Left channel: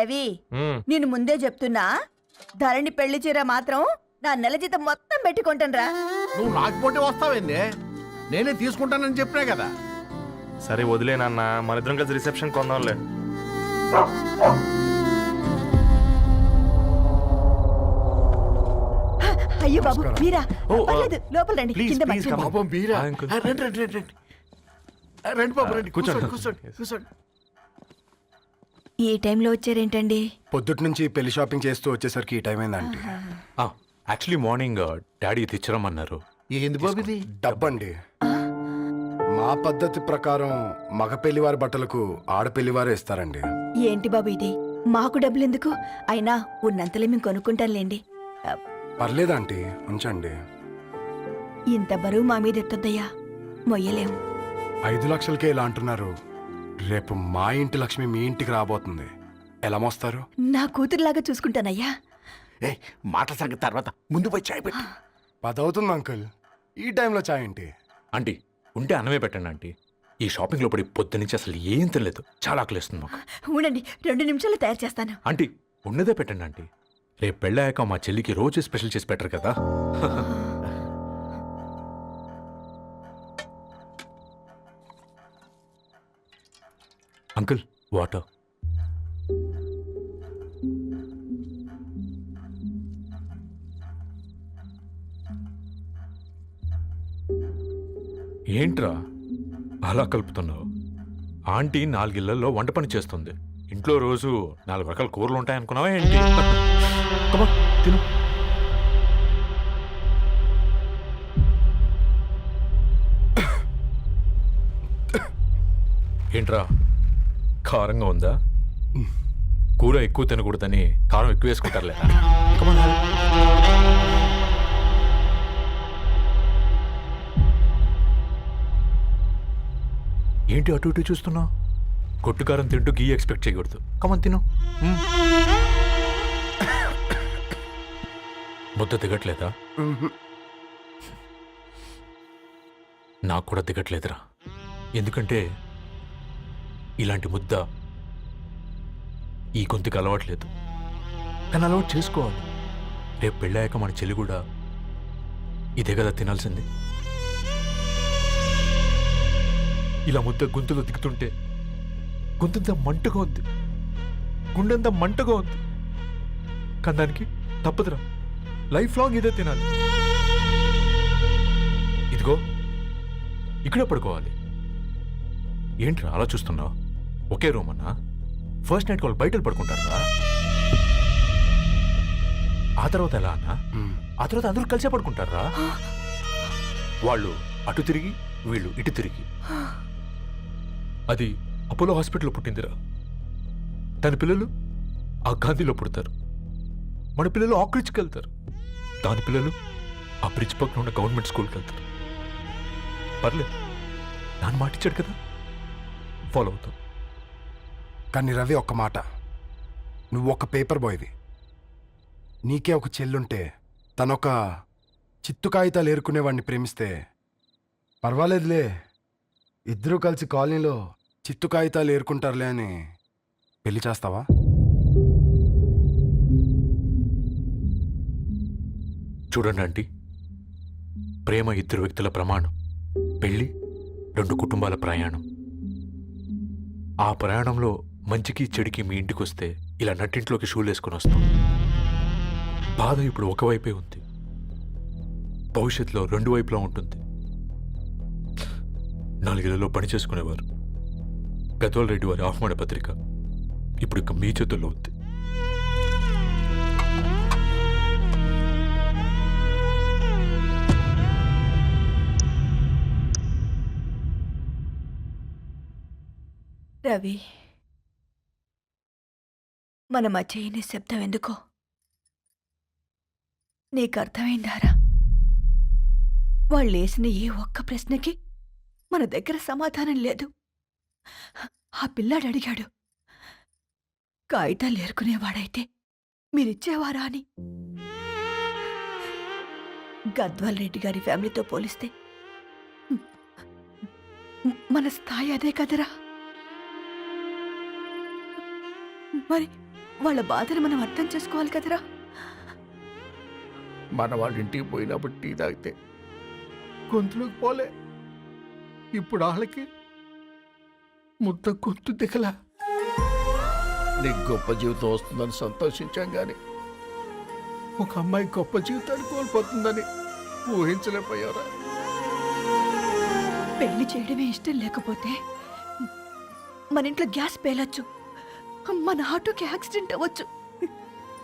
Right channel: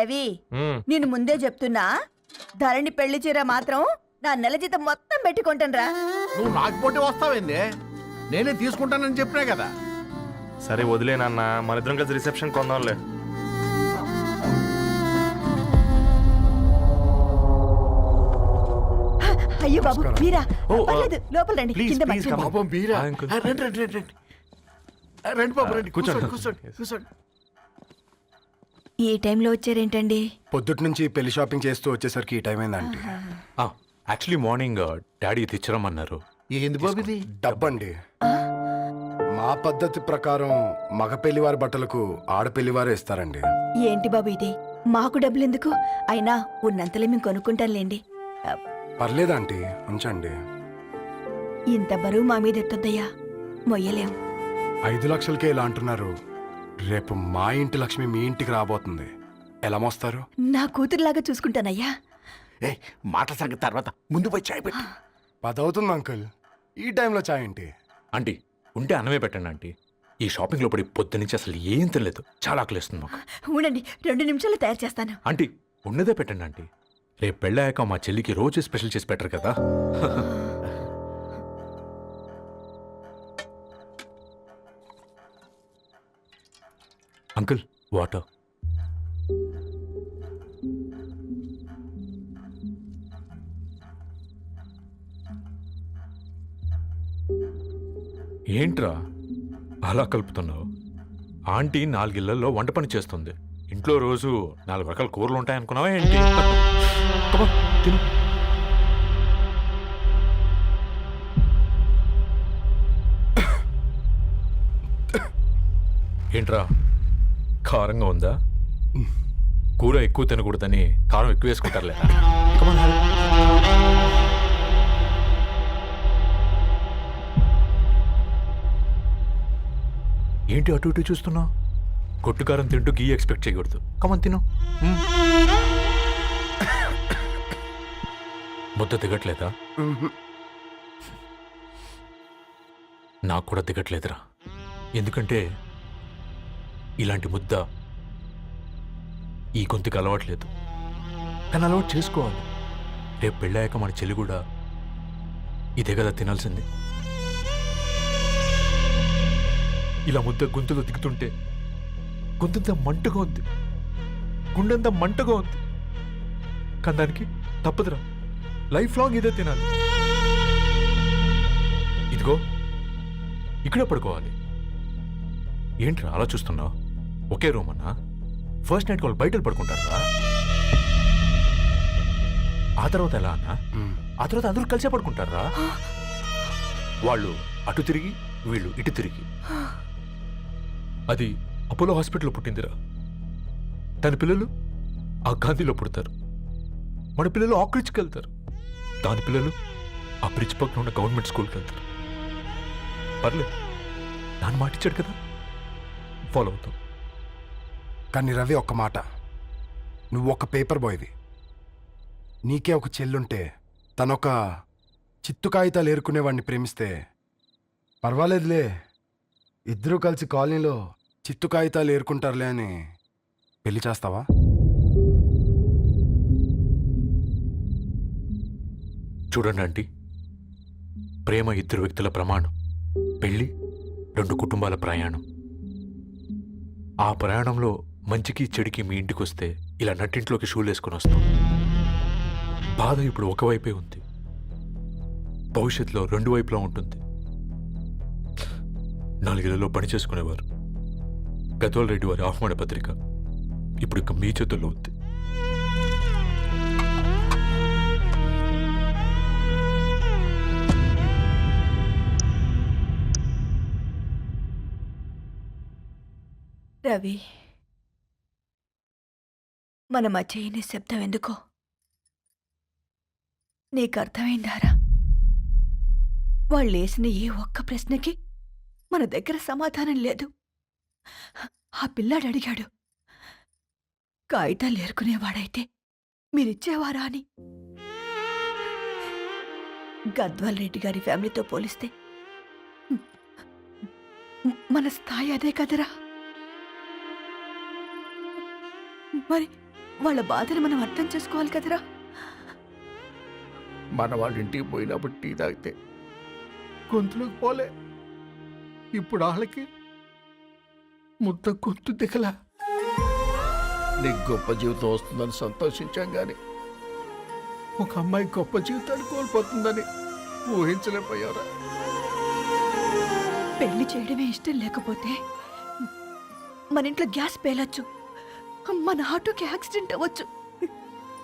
రవి నేను ముందే చెప్తున్నా, ధరణి పెళ్లి చీర మాత్రం నా నెల జీతం మొత్తం పెట్టుకుంటాను. నువ్వు నాకు పోటీ వస్తావేంది? నేనే తీసుకుంటానని చెప్పినా కదా. సరే వదిలేనన్న, మన ఇద్దరం కలిసి రిసెప్షన్ కొందాంలే. అయ్యో బాబు మీరా? పర్లేదు, లోపల రండి. కింద మంచం. పాపం మీరా? రండి రండి రండి రండి. రండి బాబు రండి, కూర్చోండి కూర్చోండి కూర్చోండి. ఈ టైంలో వచ్చారేంటండి? పొద్దుటి నుంచి పెళ్లి షాపింగ్ చేస్తూ వచ్చేసరికి ఈ టైం అయిందండి. యాక్చువల్లీ మార్నింగ్ డాడీ తెచ్చరమన్నారు. ఏంది బాబు ఇది? డబ్బండి. మా పద్ధతి ప్రకారం మగ పెళ్లివారి బట్టలకు ఆడపెళ్లివారే ఇస్తారండి. ఏంటి బాబు ఇది? మాకు డబ్బులు ఎందుకు? అయినా ఉన్నంతలే మేము కొనుక్కుంటాంలేండి. పర్లేదంటీ, ఉంచండి. ఇంత బరువు మా మీద ఎత్తొద్దయ్యా, మొయ్యలేం. 5 లక్షలకే ఇలా అంటున్నారు. రేపు మా ఇంటి లక్ష్మి మీ ఇంటికి రాబోతుంది. ఎలా మోస్తారు? నా కూతురులాగా చూసుకుంటానయ్యా. ఏ మాట సంగతి తర్వాత, ముందు పోయి చాయ్ పెట్టి. 10 అవుతుంది అంకుల్, ఈ టైంలో చాయ్ ఏంటి? ఆంటీ ఉంటే అన్నమే పెట్టండి ఆంటీ. ఈ షాపింగ్ లో పడి పొద్దు నుంచి అసలు ఏం తినలేదు, చాలా ఆకలిస్తుంది మాకు. ఉండండి, 2 నిమిషాలు తయారు చేస్తాను. ఆంటీ ఉన్నదే పెట్టండి ఆంటీ. రేపు పెళ్ళాక మా చెల్లికి రోజు స్పెషల్ చేసి పెట్టరు కదా. Uncle water. ఏంట్రా అలా కలుపుతున్నావు? ఆంటీ 4 ఇళ్లలో వంట పని చేస్తుంది. ఇంట్లో రోజు 4 రకాల కూరలు ఉంటాయనుకున్నావా ఏంటి? కమా తిను. ఏంట్రా కారంగా ఉందా? కూర ఎక్కువ తినకూడదని కారం ఎక్కువ వేసుకుంటారులే. ఏంటి అటు ఇటు చూస్తున్నావు? కొట్టుకారం తింటూ గీ ఎక్స్పెక్ట్ చేయకూడదు. కమన్ తిను. ముద్ద దిగట్లేదా? నాకు కూడా దిగట్లేదురా. ఎందుకంటే ఇలాంటి ముద్ద ఈ గొంతుకు అలవాట్లేదు. కానీ అలవాటు చేసుకోవాలి. రేపు పెళ్ళాక మన చెల్లి కూడా ఇదే కదా తినాల్సింది. ఇలా ముద్ద గొంతులో దిగుతుంటే గొంతంతా మంటగా ఉంది, గుండెంతా మంటగా ఉంది. కానీ దానికి తప్పదురా, లైఫ్ లాంగ్ ఇదే తినాలి. ఇదిగో ఇక్కడే పడుకోవాలి. ఏంట్రా అలా చూస్తున్నావు? ఒకే రూమ్ అన్నా? ఫస్ట్ నైట్ వాళ్ళు బయటలు పడుకుంటారా? ఆ తర్వాత ఎలా అన్నా? ఆ తర్వాత అందరూ కలిసే పడుకుంటారా? వాళ్ళు అటు తిరిగి, వీళ్ళు ఇటు తిరిగి. అది అపోలో హాస్పిటల్లో పుట్టిందిరా. దాని పిల్లలు ఆ గాంధీలో పుడతారు. మన పిల్లలు ఆక్రిచ్కి వెళ్తారు. దాని పిల్లలు ఆ బ్రిడ్జ్ పక్కన ఉన్న గవర్నమెంట్ స్కూల్కి వెళ్తారు. పర్లేదు, నాన్న మాటిచ్చాడు కదా, ఫాలో అవుతాం. కానీ రవి, ఒక్క మాట, నువ్వు ఒక పేపర్ బాయ్వి. నీకే ఒక చెల్లుంటే తనొక చిత్తు కాగితాలు ఏరుకునేవాడిని ప్రేమిస్తే పర్వాలేదులే, ఇద్దరూ కలిసి కాలనీలో చిత్తు కాగితాలు ఏరుకుంటారులే అని పెళ్లి చేస్తావా? చూడండి ఆంటీ, ప్రేమ 2 వ్యక్తుల ప్రమాణం, పెళ్ళి 2 కుటుంబాల ప్రయాణం. ఆ ప్రయాణంలో మంచికి చెడుకి మీ ఇంటికి వస్తే ఇలా నట్టింట్లోకి షూలు వేసుకొని వస్తాం. బాధ ఇప్పుడు ఒకవైపే ఉంది, భవిష్యత్తులో 2 వైపులా ఉంటుంది. 4 ఇళ్లలో పని చేసుకునేవారు గద్వాల్ రెడ్డి వారి ఆహ్వాన పత్రిక ఇప్పుడు ఇక మీ చేతుల్లో ఉంది. రవి, మన మధ్య ఈ నిశ్శబ్దం ఎందుకో నీకు అర్థమైందారా? వాళ్ళు వేసిన ఏ ఒక్క ప్రశ్నకి మన దగ్గర సమాధానం లేదు. ఆ పిల్లాడు అడిగాడు, కాగితాలు ఏరుకునేవాడైతే మీరిచ్చేవారా అని. గద్వాల్ రెడ్డి గారి ఫ్యామిలీతో పోలిస్తే మన స్థాయి అదే కదరా. మరి వాళ్ళ బాధను మనం అర్థం చేసుకోవాలి కదరా. మన వాళ్ళ ఇంటికి పోయినప్పుడు టీ తాగితే గొంతులోకి పోలే, ఇప్పుడు వాళ్ళకి ముద్ద గొంతు దిగలా. నీకు గొప్ప జీవితం వస్తుందని సంతోషించాం కానీ ఒక అమ్మాయి గొప్ప జీవితాన్ని కోల్పోతుందని ఊహించలేకపోయారా? పెళ్లి చేయడమే ఇష్టం లేకపోతే మన ఇంట్లో గ్యాస్ పేలొచ్చు, మన ఆటోకి యాక్సిడెంట్ అవ్వచ్చు,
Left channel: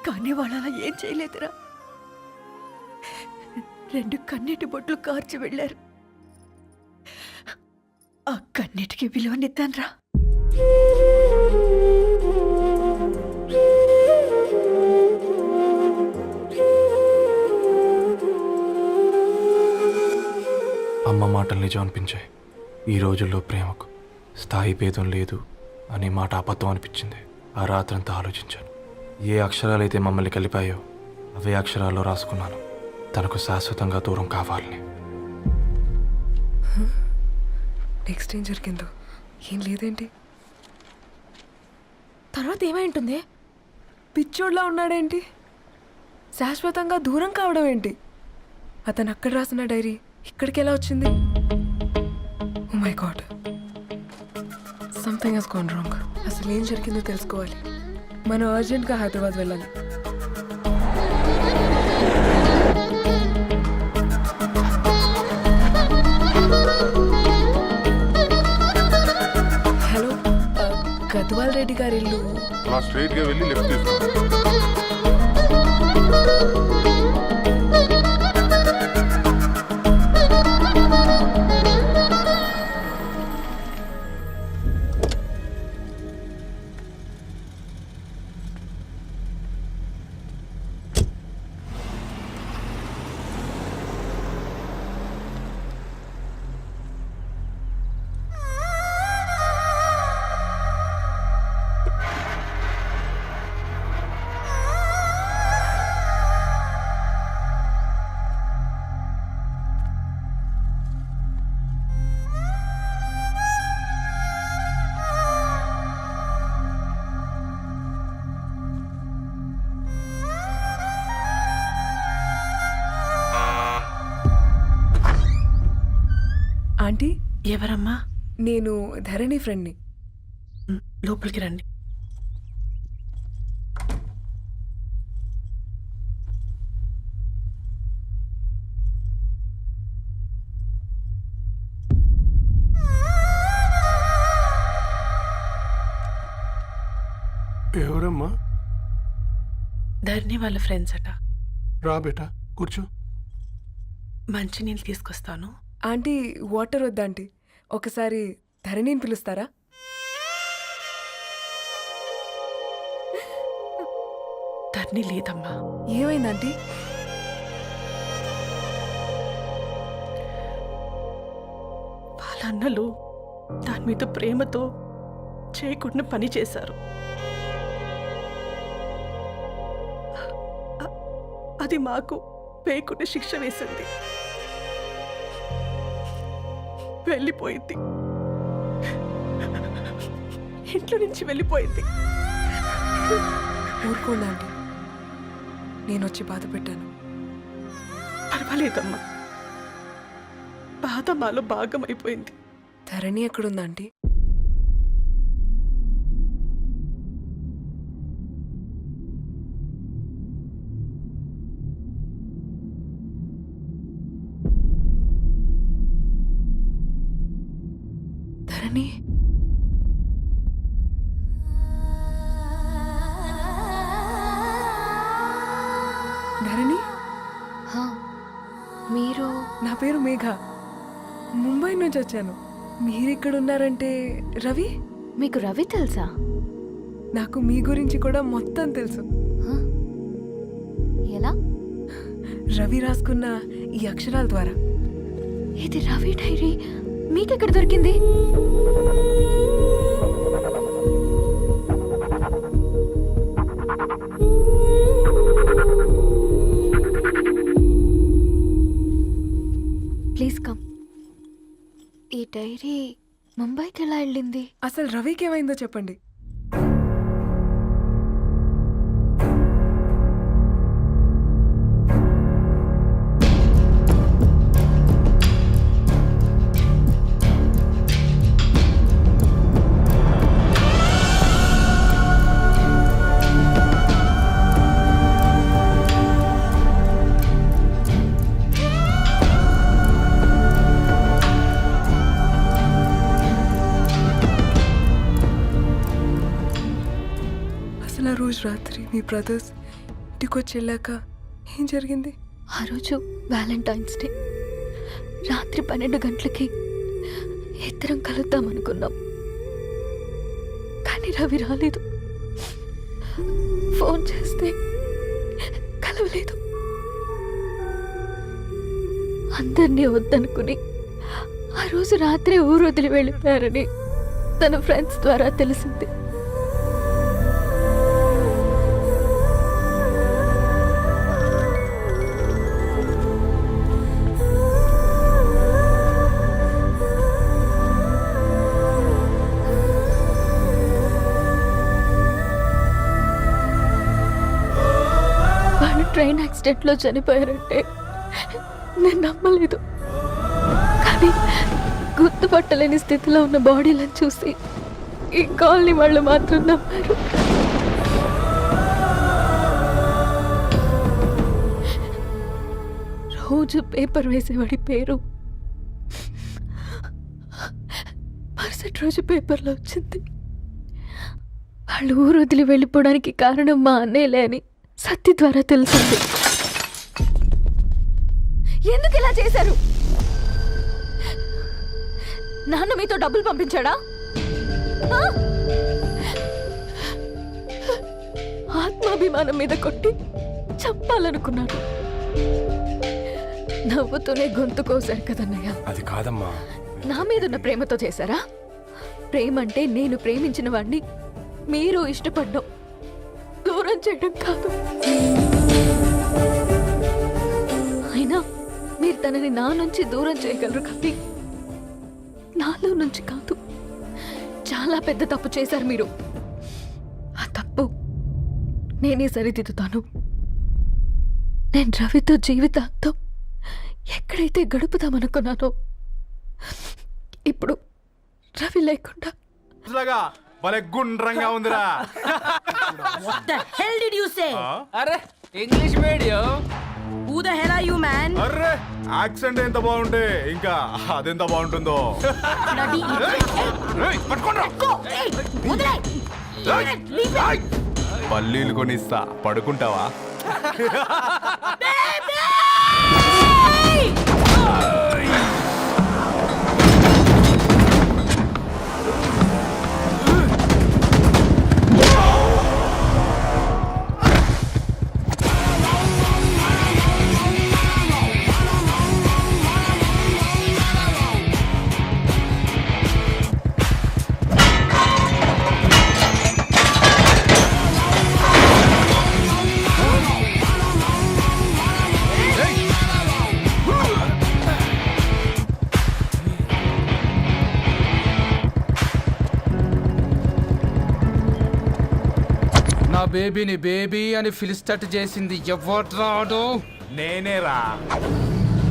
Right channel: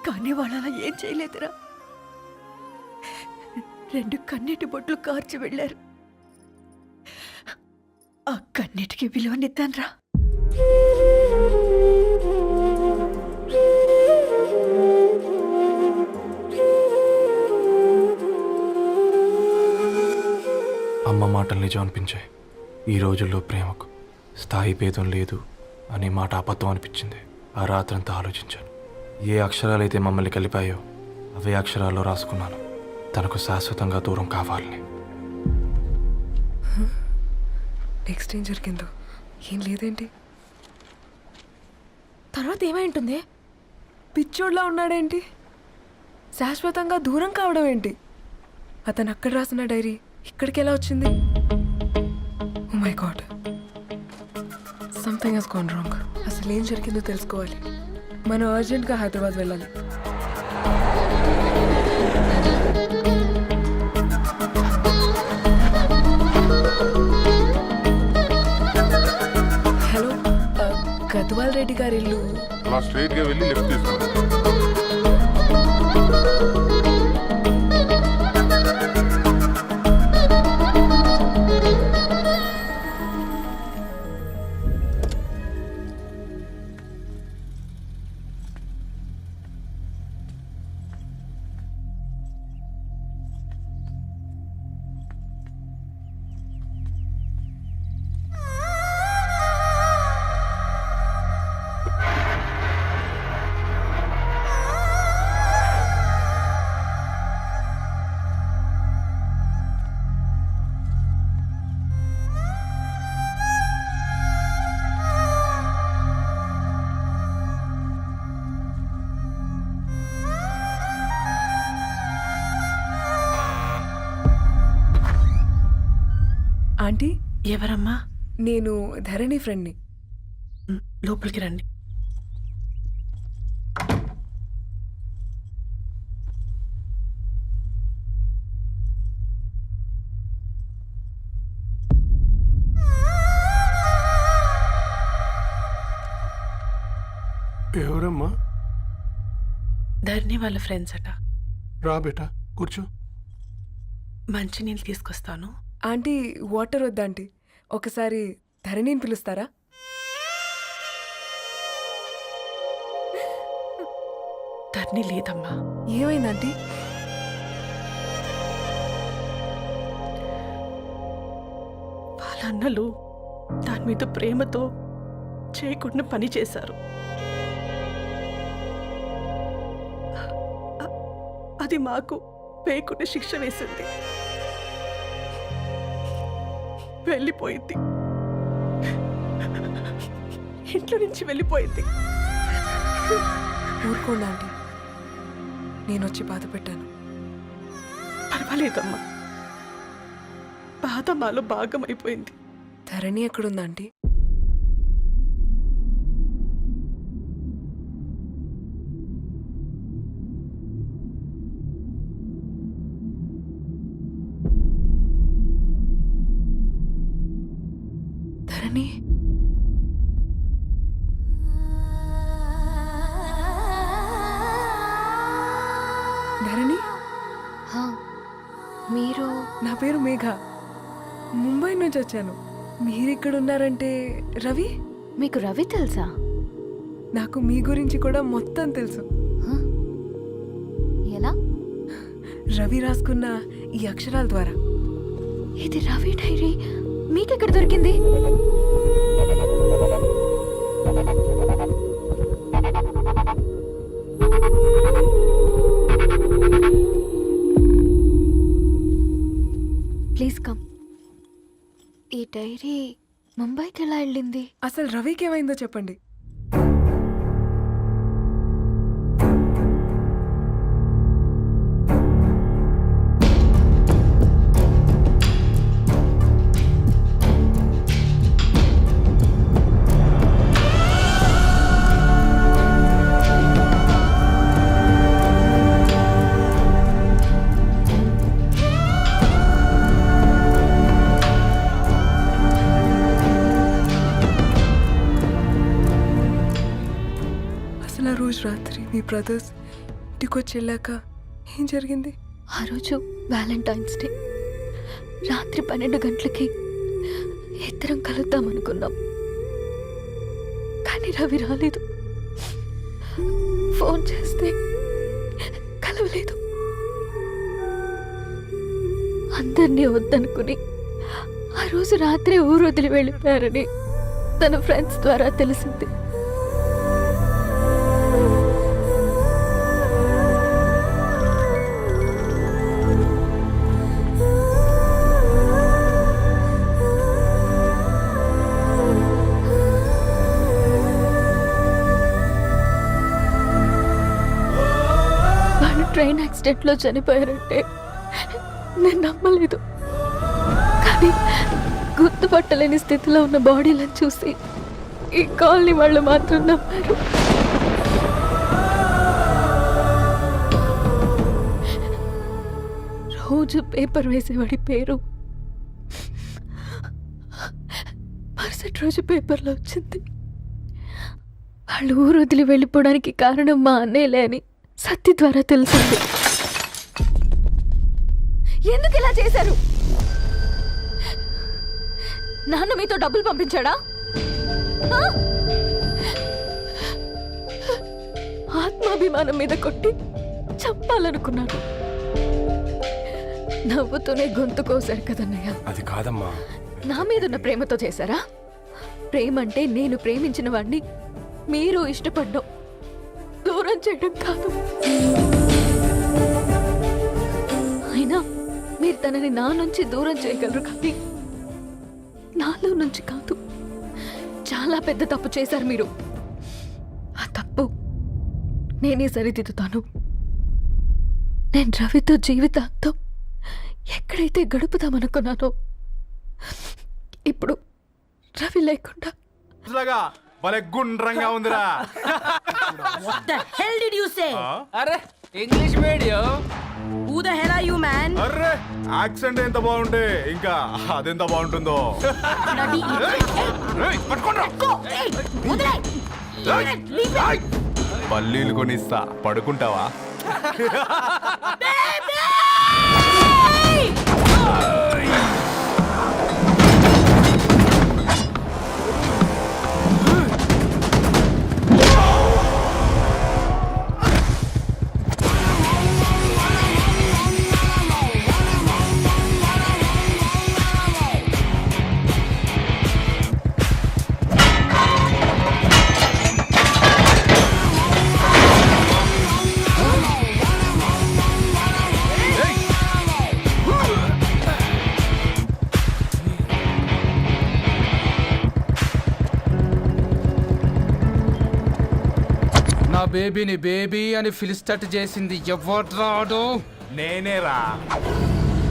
కానీ వాళ్ళు అలా ఏం చేయలేదురా. 2 కన్నీటి బొట్లు కార్చి వెళ్ళారు. ఆ కన్నీటికి విలువనిద్దాన్రా. అమ్మ మాటలు నిజం అనిపించాయి. ఈ రోజుల్లో ప్రేమకు స్థాయి భేదం లేదు అనే మాట అబద్ధం అనిపించింది. ఆ రాత్రంతా ఆలోచించాను. ఏ అక్షరాలైతే మమ్మల్ని కలిపాయో అవే అక్షరాల్లో రాసుకున్నాను, తనకు శాశ్వతంగా దూరం కావాలని. నెక్స్ట్ ఏం జరిగిందో ఏం లేదేంటి? తర్వాత ఏమై ఉంటుంది? పిచ్చోడ్లా ఉన్నాడేంటి? శాశ్వతంగా దూరం కావడం ఏంటి? అతను అక్కడ రాసిన డైరీ ఇక్కడికి ఎలా వచ్చింది? Oh my God, something has gone wrong. అసలు ఏం జరిగిందో తెలుసుకోవాలి. మనం అర్జెంట్గా హైదరాబాద్ వెళ్ళాలి. హలో, గద్వాల్ రెడ్డి గారి ఇల్లు. అలా స్ట్రైట్ గా వెళ్ళి లెఫ్ట్ తీసుకోండి. ఆంటీ, ఎవరమ్మా? నేను ధరణి ఫ్రెండ్ని. లోపలికి రండి. ఎవరమ్మా? ధరణి వాళ్ళ ఫ్రెండ్స్ అట. రా బేటా, కూర్చో. మంచినీళ్ళు తీసుకొస్తాను. ఆంటీ, వాటర్ వద్దా ఆంటీ? ఒకసారి ధరణిని పిలుస్తారా? ధరణి లేదమ్మా. ఏమైంది ఆంటీ? వాళ్ళ అన్నలు దాని మీద ప్రేమతో చేయకుండా పని చేశారు. అది మాకు పేయకుండా శిక్ష వేసింది. వెళ్ళిపోయింది, ఇంట్లో నుంచి వెళ్ళిపోయింది. ఊరుకోండి ఆంటీ, నేను వచ్చి బాధ పెట్టాను. పర్వాలేదమ్మా, బాధ మాలో భాగం అయిపోయింది. ధరణి ఎక్కడుందా ఆంటీ? ధరణి, ధరణి, మీరు? నా పేరు మేఘ, ముంబై నుంచి వచ్చాను. మీరిక్కడున్నారంటే రవి? మీకు రవి తెలుసా? నాకు మీ గురించి కూడా మొత్తం తెలుసు. హ? ఎలా? రవి రాసుకున్న ఈ అక్షరాల ద్వారా. ఇది రవి డైరీ మీకెక్కడ దొరికింది? Please come. ఈ డైరీ ముంబైకి ఎలా వెళ్ళింది? అసలు రవికి ఏమైందో చెప్పండి. రోజు రాత్రి మీ బ్రదర్స్ ఇంటికి వచ్చి వెళ్ళాక ఏం జరిగింది? ఆ రోజు వ్యాలంటైన్స్ డే రాత్రి 12 గంటలకి ఇద్దరం కలుద్దాం అనుకున్నాం. కానీ రవి రాలేదు. ఫోన్ చేస్తే కలవలేదు. అందరినీ వద్దనుకుని ఆ రోజు రాత్రి ఊరు వదిలి వెళ్ళిపోయారని తన ఫ్రెండ్స్ ద్వారా తెలిసింది. వాళ్ళు ట్రైన్ యాక్సిడెంట్లో చనిపోయారంటే నేను నమ్మలేదు. కానీ గుర్తుపట్టలేని స్థితిలో ఉన్న బాడీలను చూసి ఈ కాలనీ వాళ్ళు మాత్రం నమ్మారు. రోజు పేపర్ వేసేవాడి పేరు మరుసటి రోజు పేపర్లో వచ్చింది. వాళ్ళు ఊరు వదిలి వెళ్ళిపోవడానికి కారణం మా అన్నయ్యలే అని సత్తి ద్వారా తెలిసింది. ఎందుకు ఇలా చేశారు? నాన్న మీతో డబ్బులు పంపించాడా? ఆ? ఆత్మాభిమానం మీద కొట్టి చంపాలనుకున్నాడు. నవ్వుతూనే గొంతు కోసారు కదన్నయ్య. అది కాదమ్మా. నా మీదున్న ప్రేమతో చేశారా? ప్రేమంటే నేను ప్రేమించిన వాడిని మీరు ఇష్టపడ్డం, దూరం చేయడం కాదు. అయినా మీరు తనని నా నుంచి దూరం చేయగలరు కానీ నాలో నుంచి కాదు. చాలా పెద్ద తప్పు చేశారు మీరు. ఆ తప్పు నేనే సరిదిద్దుతాను. నేను రవితో జీవితాంతం ఎక్కడైతే గడుపుదామనుకున్నానో ఇప్పుడు రవి లేకుండా భలే గుండ్రంగా ఉందిరా. అరే English medium. Who the hell are you, man? Array accent ఎంత బాగుంటే ఇంకా అదెంత బాగుంటుందో. ఏయ్, పట్టుకోండ్రా. ఏయ్, పల్లీలు కొనిస్తా, పడుకుంటావా? నా బేబీని బేబీ అని ఫిలిస్టట్ చేసింది ఎవడ్రాడు? నేనేరా.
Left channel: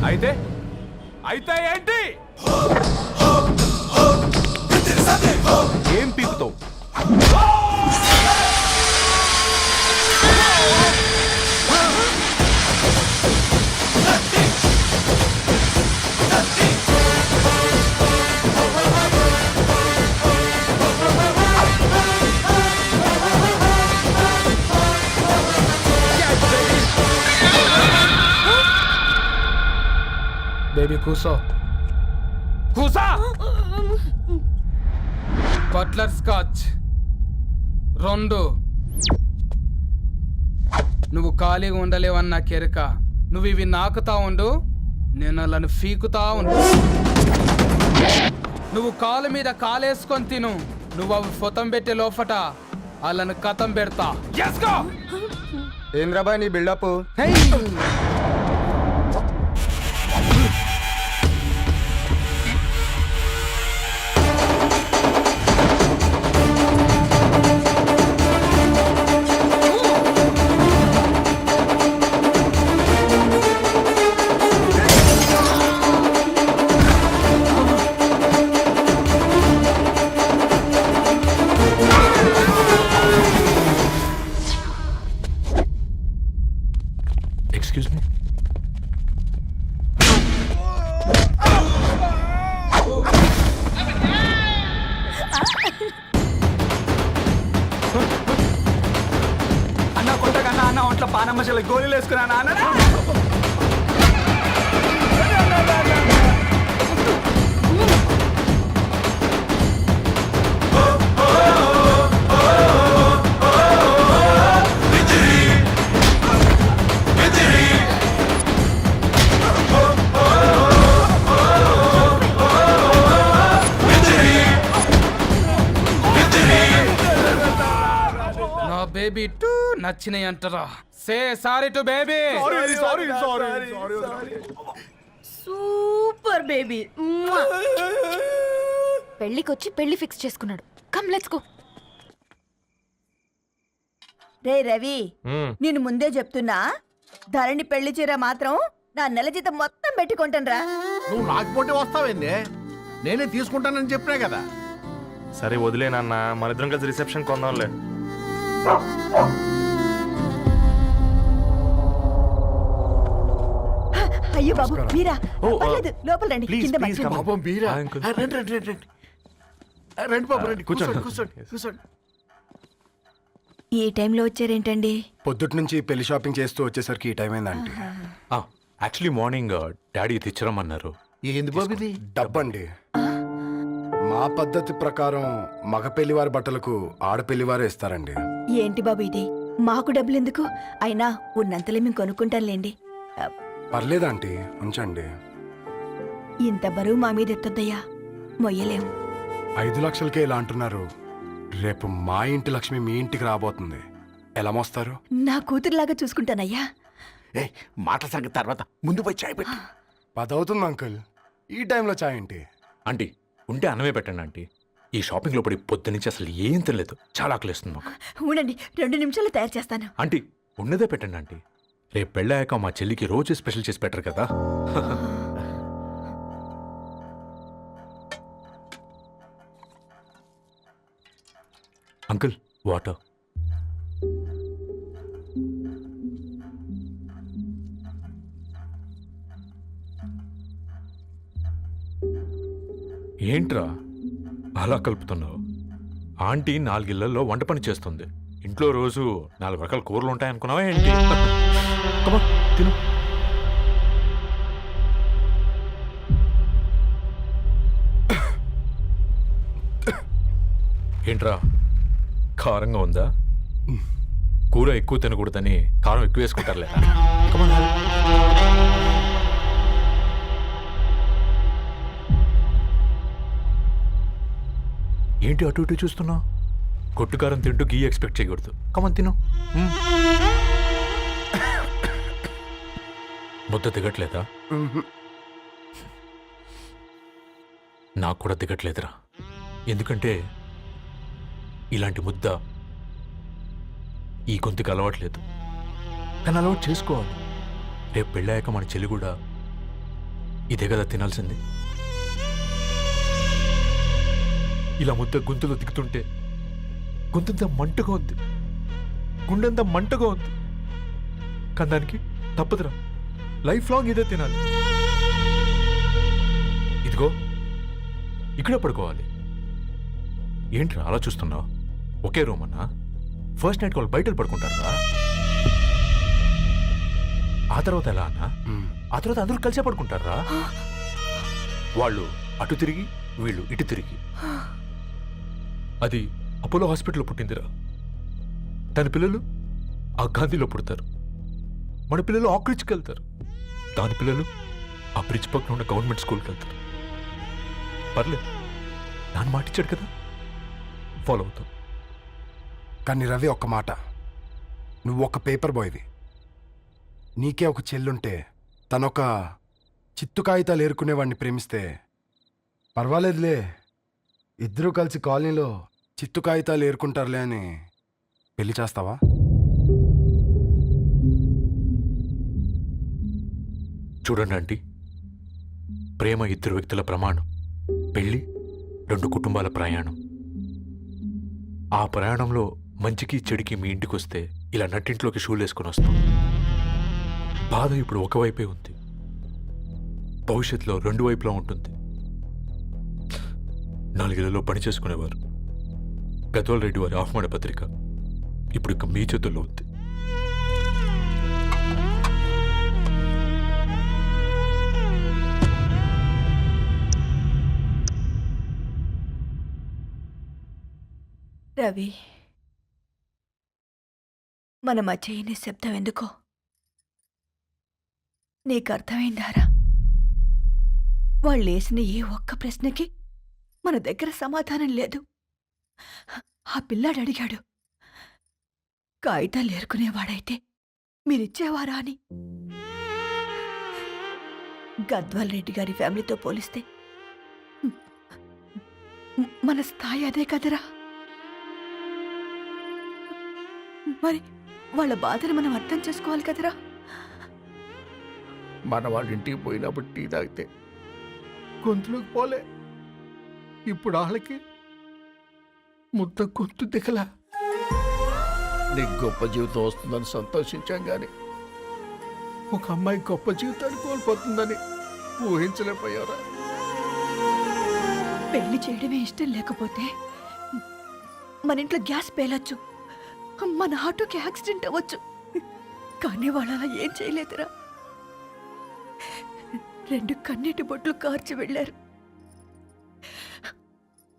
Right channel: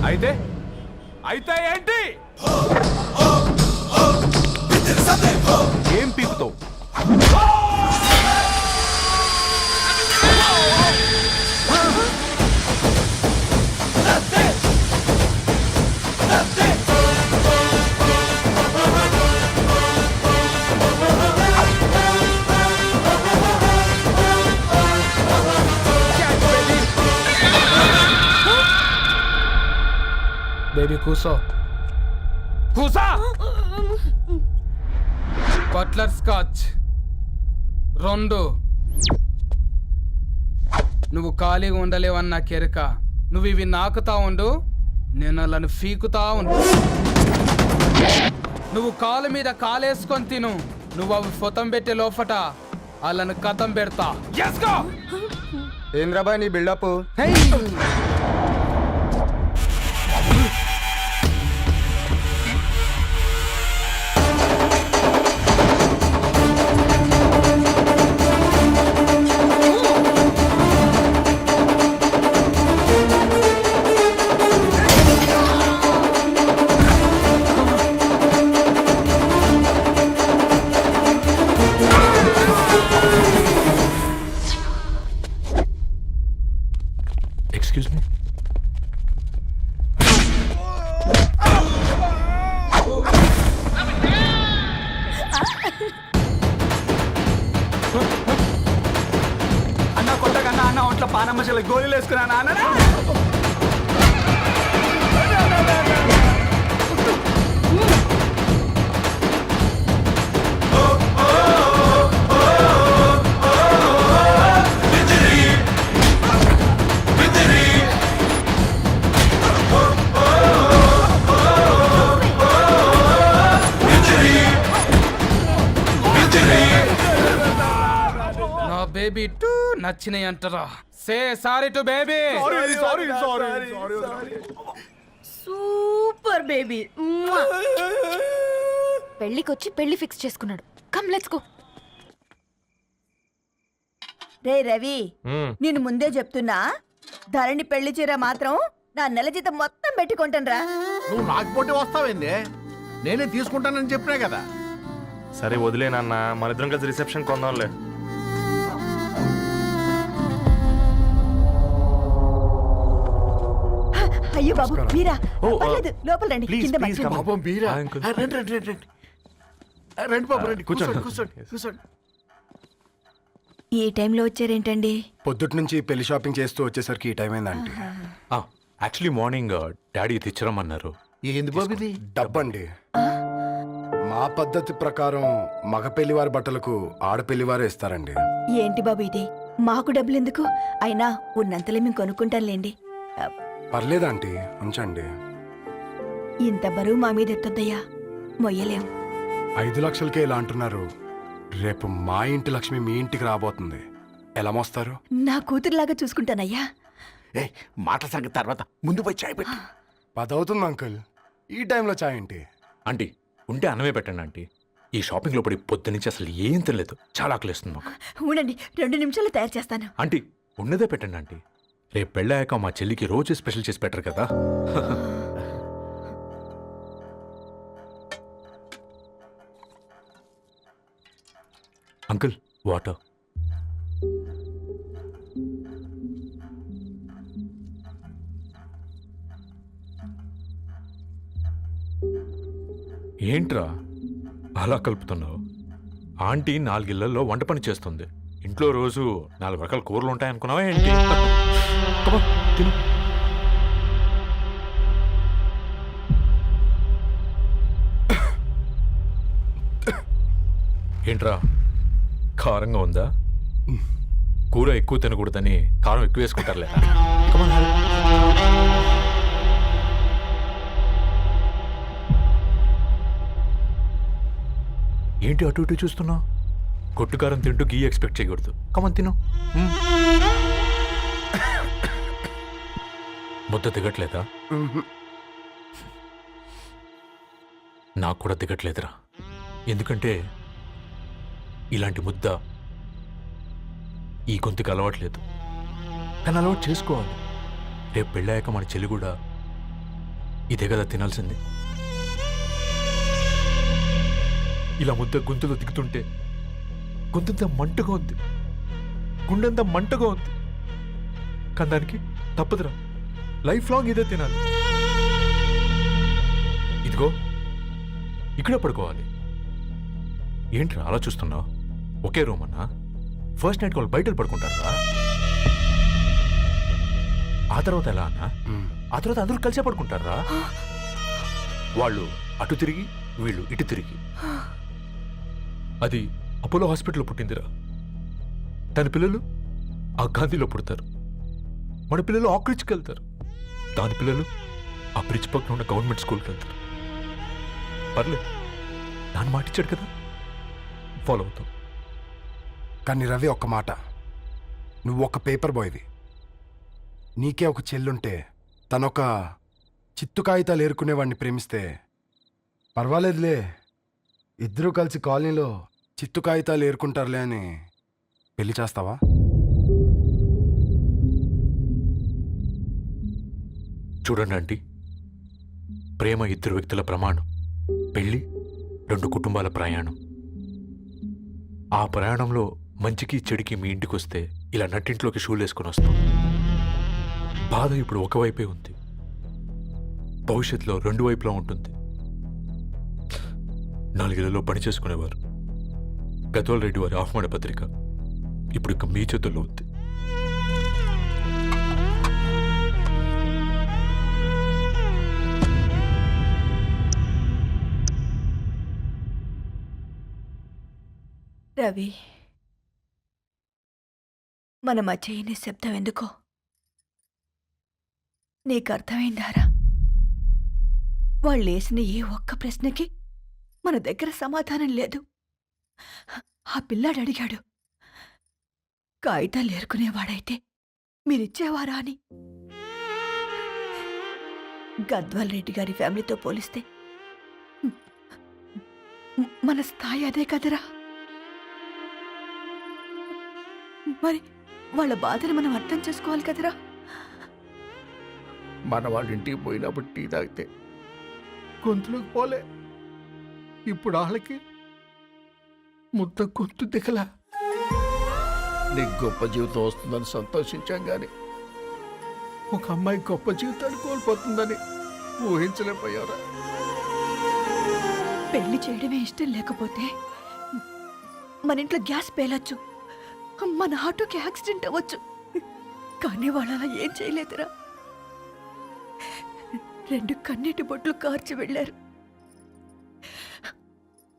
అయితే అయితే ఏంటి? ఏం పీకుతావు? బేబీ కూసో. కూసా. Butler scotch 2. నువ్వు ఖాళీగా ఉండలేవన్న కెరక. నువ్వు ఇవి నాకుతా ఉండు, నేను వాళ్ళని ఫీకుతా ఉండు. నువ్వు కాలు మీద కాలేసుకొని తిను. నువ్వు అవి ఫొతం పెట్టే లోపట వాళ్ళని కథం పెడతా. ఏంద్రాబాయ్ నీ బిల్డప్? Excuse me. అన్న కొట్టకన్నా అన్న ఒంట్లో పానమ్మ చెల్లి గోళీలు వేసుకున్నా అన్న నా బేబీ టూ నచ్చినాయి అంటారా? Say sorry to baby. Super baby. పెళ్ళికొచ్చి పెళ్లి ఫిక్స్ చేసుకున్నాడు. Come let's go. రే రవి, నేను ముందే చెప్తున్నా, ధరణి పెళ్లి చీర మాత్రం నా నెల జీతం మొత్తం పెట్టుకుంటాను. నువ్వు నాకు పోటీ వస్తావేంది? నేనే తీసుకుంటానని చెప్పినా కదా. సరే వదిలేనన్నా, మన ఇద్దరం కలిసి రిసెప్షన్ కొందాంలే. అయ్యో బాబు మీరా? ఓ, పర్లేదు, లోపల రండి. ప్లీజ్, కింద ప్లీజ్ మంచం. కమ్. పాపం బీరా. Hi, uncle. రండి రండి రండి రండి. రండి బాబు రండి. కూర్చోండి. కూర్చోండి కూర్చోండి కూర్చోండి. ఈ టైంలో వచ్చారేంటండి? పొద్దుటి నుంచి పెళ్లి షాపింగ్ చేస్తూ వచ్చేసరికి ఈ టైం అయిందండి. యాక్చువల్లీ మార్నింగ్ డాడీ తెచ్చరమన్నారు. ఏంది బాబు ఇది? డబ్బండి. మా పద్ధతి ప్రకారం మగ పెళ్లివారి బట్టలకు ఆడపెళ్లివారే ఇస్తారండి. ఏంటి బాబు ఇది? మాకు డబ్బులు ఎందుకు? అయినా ఉన్నంతలే మేము కొనుక్కుంటాంలేండి. పర్లేదు ఆంటీ, ఉంచండి. ఇంత బరువు మా మీద ఎత్తొద్దయ్యా, మొయ్యలేం. 5 లక్షలకే ఇలా అంటున్నారు. రేపు మా ఇంటి లక్ష్మి మీ ఇంటికి రాబోతుంది. ఎలా మోస్తారు? నా కూతురులాగా చూసుకుంటానయ్యా. ఏ మాటల సంగతి తర్వాత, ముందు పోయి చాయ్ పెట్టి. 10 అవుతుంది అంకుల్. ఈ టైంలో చాయ్ ఏంటి? ఆంటీ ఉంటే అన్నమే పెట్టండి ఆంటీ. ఈ షాపింగ్లో పడి పొద్దు నుంచి అసలు ఏం తినలేదు. చాలా ఆకలిస్తుంది మాకు. ఉండండి, 2 నిమిషాలు తయారు చేస్తాను. ఆంటీ ఉన్నదే పెట్టండి ఆంటీ. రేపు పెళ్ళాక మా చెల్లికి రోజు స్పెషల్ చేసి పెట్టరు కదా. Uncle water. ఏంట్రా అలా కలుపుతున్నావు? ఆంటీ 4 ఇళ్లలో వంట పని చేస్తుంది. ఇంట్లో రోజు 4 రకాల కూరలు ఉంటాయనుకున్నావా ఏంటి? Come on, తిను. ఏంట్రా కారంగా ఉందా? కూర ఎక్కువ తినకూడదని కారం ఎక్కువ వేసుకుంటారులే. Come on, ఏంటి అటు ఇటు చూస్తున్నావు? కొట్టుకారం తింటూ గీ ఎక్స్పెక్ట్ చేయకూడదు. కమన్ తిను. ముద్ద దిగట్లేదా? నాకు కూడా దిగట్లేదురా. ఎందుకంటే ఇలాంటి ముద్ద ఈ గొంతుకి అలవాట్లేదు. కానీ అలవాటు చేసుకోవాలి. రేపు పెళ్ళాక మన చెల్లి కూడా ఇదే కదా తినాల్సింది. ఇలా ముద్ద గొంతులో దిగుతుంటే గొంతంతా మంటగా ఉంది, గుండెంతా మంటగా ఉంది. కానీ దానికి తప్పదురా, లైఫ్ లాంగ్ ఇదే తినాలి. ఇదిగో ఇక్కడే పడుకోవాలి. ఏంట్రా అలా చూస్తున్నావు? ఒకే రూమ్ అన్నా? ఫస్ట్ నైట్ వాళ్ళు బయటలు పడుకుంటారా? ఆ తర్వాత ఎలా అన్నా? ఆ తర్వాత అందరూ కలిసే పడుకుంటారా? వాళ్ళు అటు తిరిగి వీళ్ళు ఇటు తిరిగి. అది అపోలో హాస్పిటల్లో పుట్టిందిరా. దాని పిల్లలు ఆ గాంధీలో పుడతారు. మన పిల్లలు ఆక్రిడ్జ్కి వెళ్తారు. దాని పిల్లలు ఆ బ్రిడ్జ్ పక్కన ఉన్న గవర్నమెంట్ స్కూల్కి వెళ్తారు. పర్లేదు, నాన్న మాటిచ్చాడు కదా, ఫాలో అవుతాం. కానీ రవి, ఒక్క మాట. నువ్వు ఒక పేపర్ బాయ్వి. నీకే ఒక చెల్లుంటే తనొక చిత్తు కాగితాలు ఏరుకునేవాడిని ప్రేమిస్తే పర్వాలేదులే, ఇద్దరూ కలిసి కాలనీలో చిత్తు కాగితాలు ఏరుకుంటారులే అని పెళ్లి చేస్తావా? చూడండి ఆంటీ, ప్రేమ 2 వ్యక్తుల ప్రమాణం, పెళ్ళి 2 కుటుంబాల ప్రయాణం. ఆ ప్రయాణంలో మంచికి చెడుకి మీ ఇంటికి వస్తే ఇలా నట్టింట్లోకి షూలు వేసుకొని వస్తాం. బాధ ఇప్పుడు ఒకవైపే ఉంది, భవిష్యత్తులో 2 వైపులా ఉంటుంది. 4 ఇళ్లలో పని చేసుకునేవారు. గద్వాల్ రెడ్డి వారి ఆహ్వాన పత్రిక ఇప్పుడు ఇక మీ చేతుల్లో ఉంది. రవి, మన మధ్య ఈ నిశ్శబ్దం ఎందుకో నీకు అర్థమైందారా? వాళ్ళేసిన ఏ ఒక్క ప్రశ్నకి మన దగ్గర సమాధానం లేదు. ఆ పిల్లాడు అడిగాడు, కాగితాలు ఏరుకునేవాడైతే మీరిచ్చేవారా అని. గద్వాల్ రెడ్డి గారి ఫ్యామిలీతో పోలిస్తే మన స్థాయి అదే కదరా. మరి వాళ్ళ బాధను మనం అర్థం చేసుకోవాలి కదరా. మన వాళ్ళ ఇంటికి పోయినప్పుడు టీ తాగితే గొంతులోకి పోలే, ఇప్పుడు వాళ్ళకి ముద్ద గొంతు దిగలా. నీకు గొప్ప జీవితం వస్తుందని సంతోషించాం కానీ ఒక అమ్మాయి గొప్ప జీవితాన్ని కోల్పోతుందని ఊహించలేకపోయారా? పెళ్లి చేయడమే ఇష్టం లేకపోతే మన ఇంట్లో గ్యాస్ పేలొచ్చు, మన ఆటోకి యాక్సిడెంట్ అవ్వచ్చు, కానీ వాళ్ళు అలా ఏం చేయలేదురా. 2 కన్నీటి బొట్లు కార్చి వెళ్ళారు.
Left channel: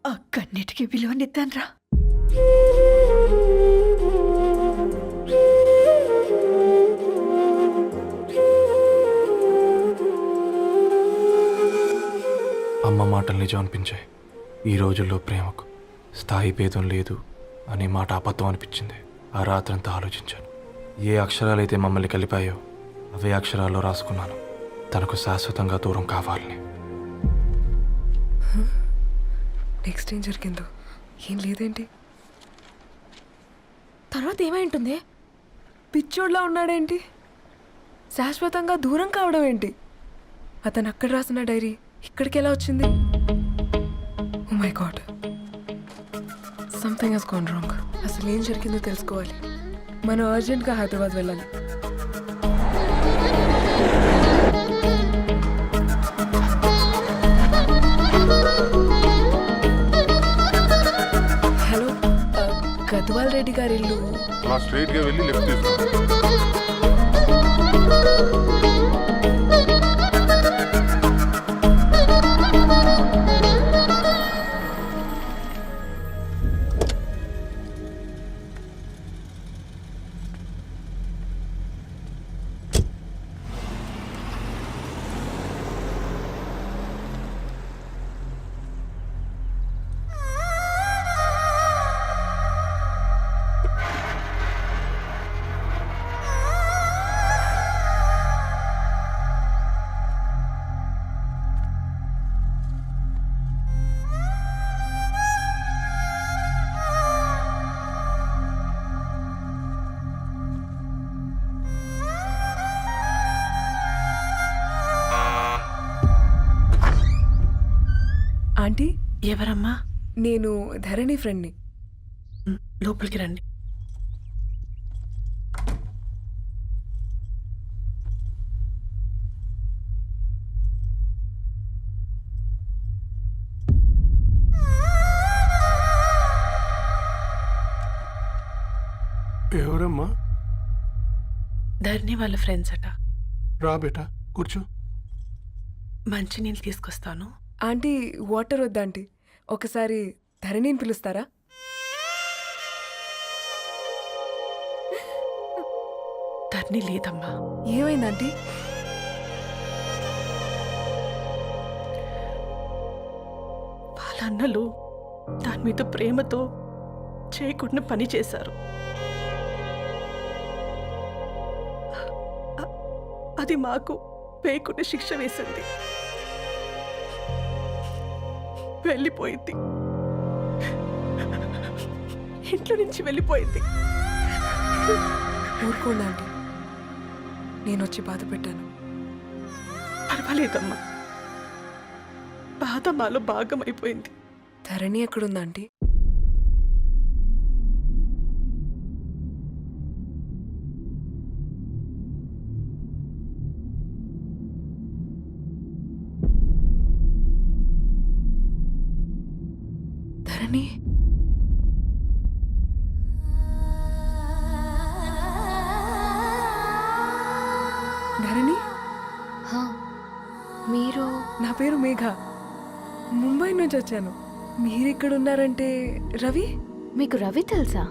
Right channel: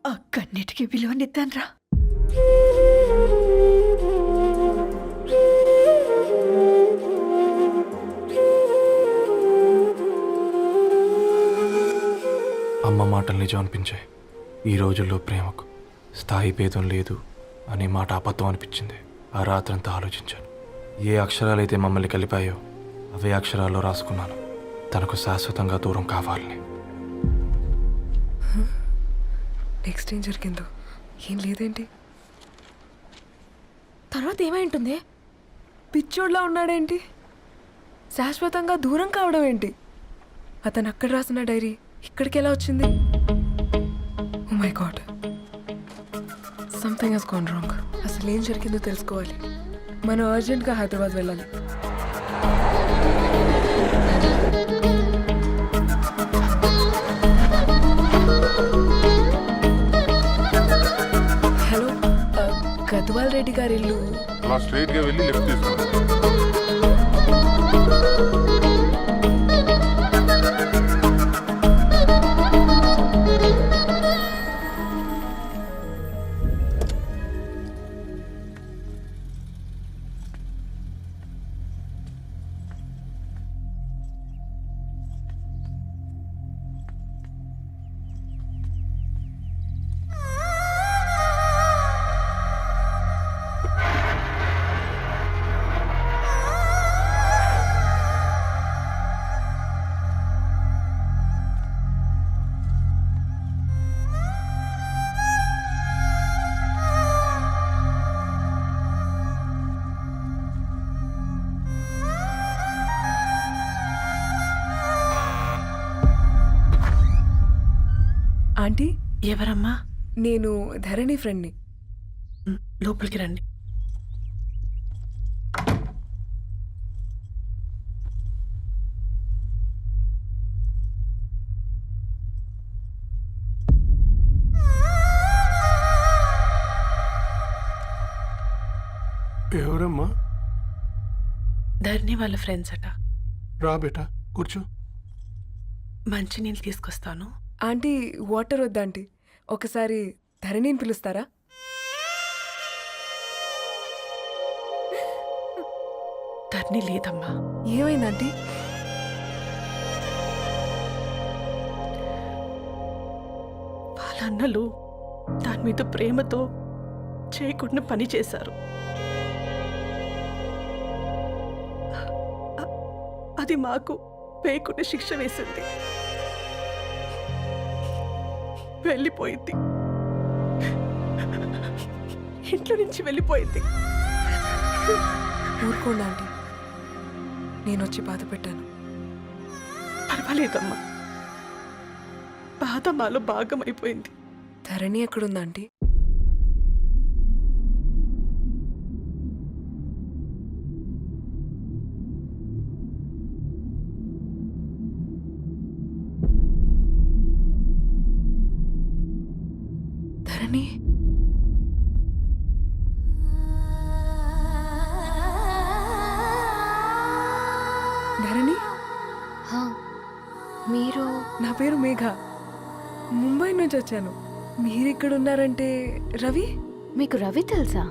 ఆ కన్నీటికి విలువనిద్దాన్రా. అమ్మ మాటలు నిజం అనిపించాయి. ఈ రోజుల్లో ప్రేమకు స్థాయి భేదం లేదు అనే మాట అబద్ధం అనిపించింది. ఆ రాత్రంతా ఆలోచించాను. ఏ అక్షరాలైతే మమ్మల్ని కలిపాయో అవే అక్షరాల్లో రాసుకున్నాను, తనకు శాశ్వతంగా దూరం కావాలని. నెక్స్ట్ ఏం జరిగిందో ఏం లేదేంటి? తర్వాత ఏమై ఉంటుంది? పిచ్చోడ్లా ఉన్నాడేంటి? శాశ్వతంగా దూరం కావడం ఏంటి? అతను అక్కడ రాసిన డైరీ ఇక్కడికి ఎలా వచ్చింది? Oh my God, something has gone wrong. అసలు ఏం జరిగిందో తెలుసుకోవాలి. మనం అర్జెంట్గా హైదరాబాద్ వెళ్ళాలి. హలో, గద్వాల్ రెడ్డి గారి ఇల్లు. అలా స్ట్రైట్ గా వెళ్ళి లెఫ్ట్ తీసుకోండి. ఆంటీ, ఎవరమ్మా? నేను ధరణి ఫ్రెండ్ని. లోపలికి రండి. ఎవరమ్మా? ధరణి వాళ్ళ ఫ్రెండ్స్ అట. రా బేటా, కూర్చో. మంచినీళ్ళు తీసుకొస్తాను. ఆంటీ, వాటర్ వద్దా ఆంటీ? ఒకసారి ధరణిని పిలుస్తారా? ధరణి లేదమ్మా. ఏమైందంటీ? వాళ్ళ అన్నలు దాని మీద ప్రేమతో చేయకుండా పని చేశారు. అది మాకు పేకున్న శిక్ష వేసింది. వెళ్ళిపోయింది, ఇంట్లో నుంచి వెళ్ళిపోయింది. ఊరుకోండి ఆంటీ, నేను వచ్చి బాధ పెట్టాను. పర్వాలేదమ్మా, బాధ మాలో భాగం అయిపోయింది. ధరణి ఎక్కడుందా ఆంటీ? ధరణి, ధరణి, మీరు? నా పేరు మేఘ, ముంబై నుంచి వచ్చాను. మీరిక్కడ ఉన్నారంటే రవి? మీకు రవి తెలుసా?